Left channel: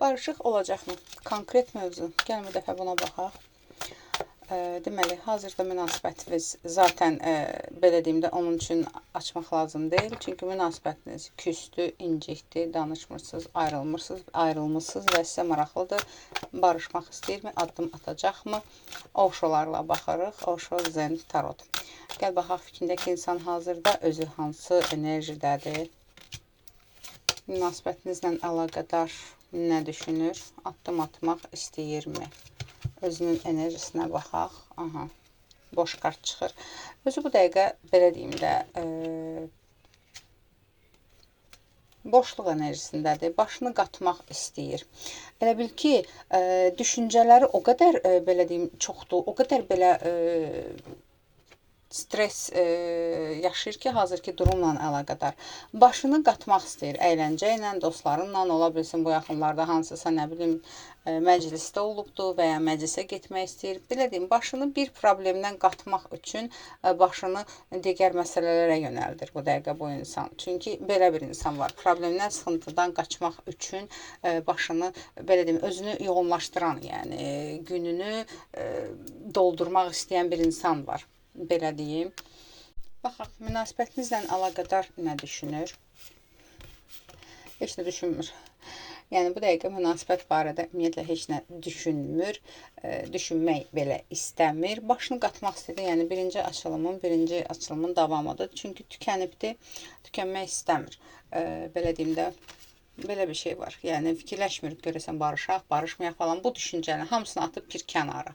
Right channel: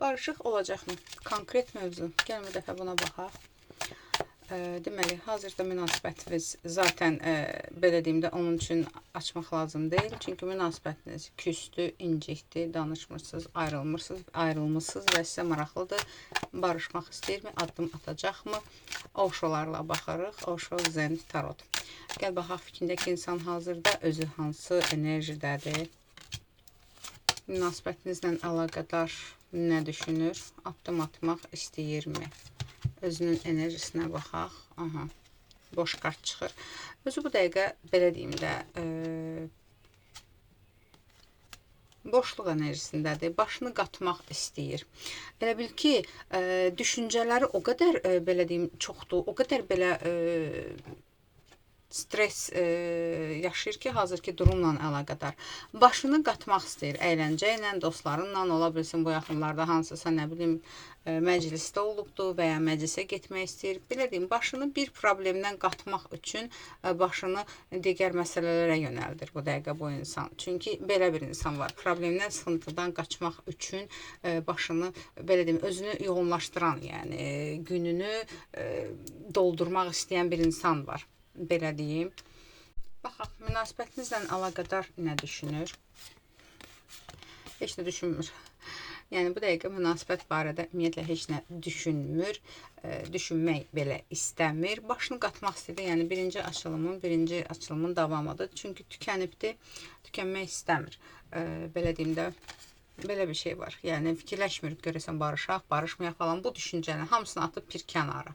Barışıq olacaqmı? Konkret mövzu. Gəlin bir dəfə buna baxaq. Deməli, hazırda münasibətiniz zaten belə deyim də onun üçün açmaq lazım deyil. Çünki münasibətiniz küstü, incikdi, danışmırsınız, ayrılmısınız və sizə maraqlıdır. Barışmaq istəyirmi? Addım atacaqmı? Oşolarla baxırıq. Oşo, Zen, Tarot. Gəl baxaq fikrindəki insan hazırda özü hansı enerjidədir? Münasibətinizlə əlaqədar nə düşünür? Addım atmaq istəyirmi? Özünün enerjisinə baxaq. Aha, boş kart çıxır. Özü bu dəqiqə belə deyim də boşluq enerjisindədir. Başını qatmaq istəyir. Elə bil ki, düşüncələri o qədər belə deyim çoxdur, o qədər belə stres yaşayır ki, hazırki durumla əlaqədar. Başını qatmaq istəyir, əyləncə ilə, dostlarınla, ola bilsin bu yaxınlarda hansısa, nə bilim, məclisdə olubdur və ya məclisə getmək istəyir. Belə deyim, başını bir problemdən qatmaq üçün başını digər məsələlərə yönəldir bu dəqiqə bu insan. Çünki belə bir insan var, problemdən, sıxıntıdan qaçmaq üçün başını, belə deyim, özünü yoğunlaşdıran, yəni gününü doldurmaq istəyən bir insan var. Belə deyim. Baxaq, münasibətinizlə əlaqədar nə düşünür? Heç nə düşünmür. Yəni, bu dəqiqə münasibət barədə ümumiyyətlə heç nə düşünmür, düşünmək belə istəmir. Başını qatmaq istəyir, yəni birinci açılımın davamıdır. Çünki tükənibdir, tükənmək istəmir. Belə deyim də, belə bir şey var. Yəni, fikirləşmir, görəsən barışaq, barışmayaq falan. Bu düşüncəni hamısını atıb bir kənara.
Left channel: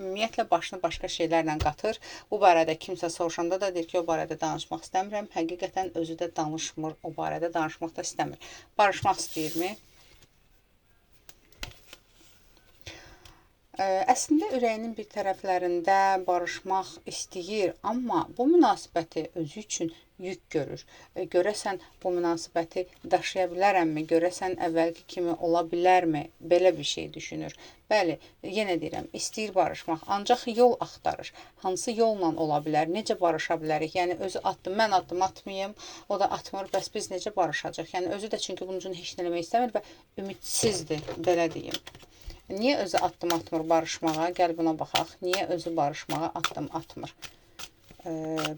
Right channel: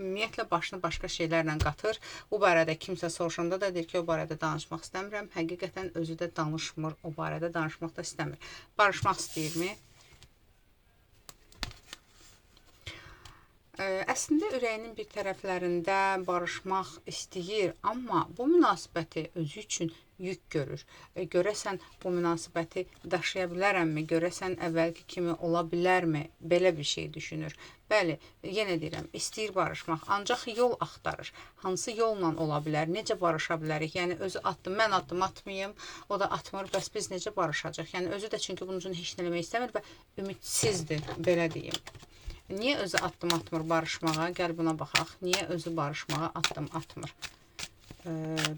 Ümumiyyətlə başını başqa şeylərlə qatır. Bu barədə kimsə soruşanda da deyir ki, o barədə danışmaq istəmirəm. Həqiqətən özü də danışmır, o barədə danışmaq da istəmir. Barışmaq istəyirmi? Əslində ürəyinin bir tərəflərində barışmaq istəyir, amma bu münasibəti özü üçün yük görür. Görəsən bu münasibəti daşıya bilərəmmi? Görəsən əvvəlki kimi ola bilərmi? Belə bir şey düşünür. Bəli, yenə deyirəm, istəyir barışmaq, ancaq yol axtarır. Hansı yolla ola bilər? Necə barışa bilərik? Yəni özü addım, mən addım atmayım, o da atmır, bəs biz necə barışacaq? Yəni özü də çünki bunun üçün heç nə eləmək istəmir və ümidsizdir, belə deyim. Niyə özü addım atmır barışmağa? Gəl buna baxaq. Niyə özü barışmağa addım atmır?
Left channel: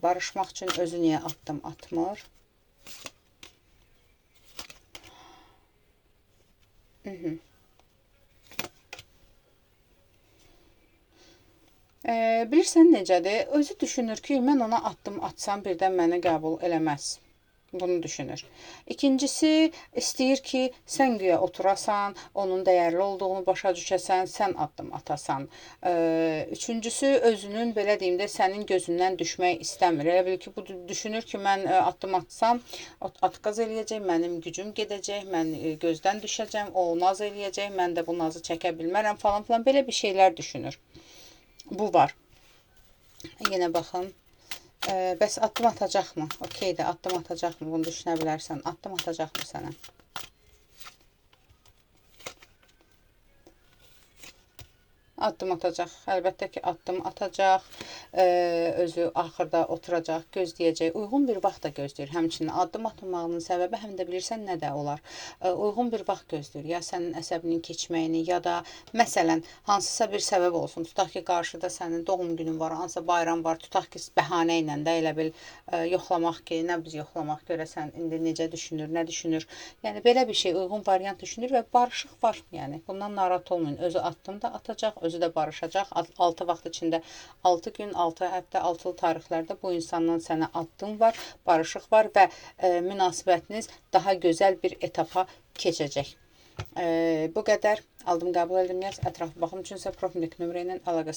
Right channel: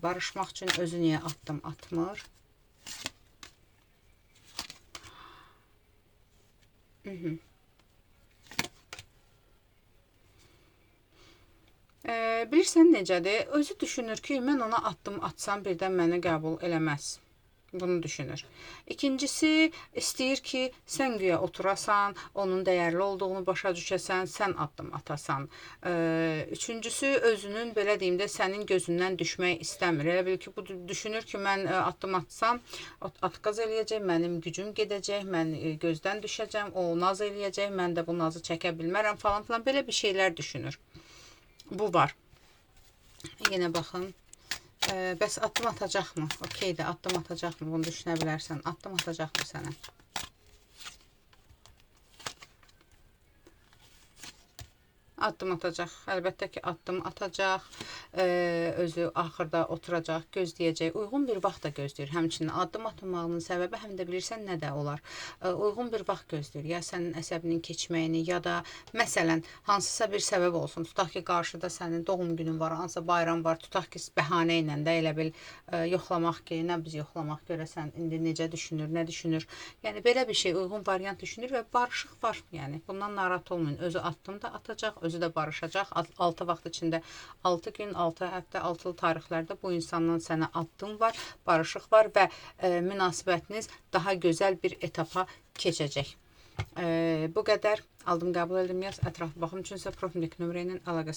Barışmaq üçün özü niyə addım atmır? Bilirsən necədir? Özü düşünür ki, mən ona addım atsam birdən məni qəbul eləməz. Bunu düşünür. İkincisi, istəyir ki, sən güya oturasan, onun dəyərli olduğunu başa düşəsən, sən addım atasan. Üçüncüsü, özünün, belə deyim də, sənin gözündən düşmək istəmir. Elə bil ki, bu düşünür ki, mən addım atsam, atqaz eləyəcək, mənim gücüm gedəcək, mən gözdən düşəcəm, o naz eləyəcək, mən də bu nazı çəkə bilmərəm falan filan. Belə bir şeylər düşünür. Bu var. Yenə baxın. Bəs addım atacaqmı? Okeydir, addım atacaqmı? Bunu düşünə bilərsən. Addım atacaqmı sənə? Addım atacaq. Əlbəttə ki, addım atacaq. Özü axırda oturacaq, gözləyəcək. Uyğun bir vaxt da gözləyir. Həmçinin addım atmamağının səbəbi həm də bilirsən nə də olar. Uyğun bir vaxt gözləyir. Ya sənin əsəbinin keçməyini, ya da məsələn, hansısa bir səbəb olsun. Tutaq ki, qarşıda sənin doğum günün var, hansısa bayram var. Tutaq ki, bəhanə ilə də elə bil yoxlamaq ki, nə biz yoxlamaq görəsən, indi necə düşünür, nə düşünür. Yəni, belə bir şey, uyğun variant düşünür və barışıq var. Yəni, bundan narahat olmayın. Özü addım da atacaq, özü də barışacaq. 6 vaxt içində 6 gün, 6 həftə, 6 tarixlərdə bu insandan sənə addım var, barışıq var və münasibətiniz daha gözəl bir etapa keçəcək. Bu qədər. Aldım, qəbul edim, yaz. Ətraflı baxım üçünsə profildəki nömrə ilə əlaqə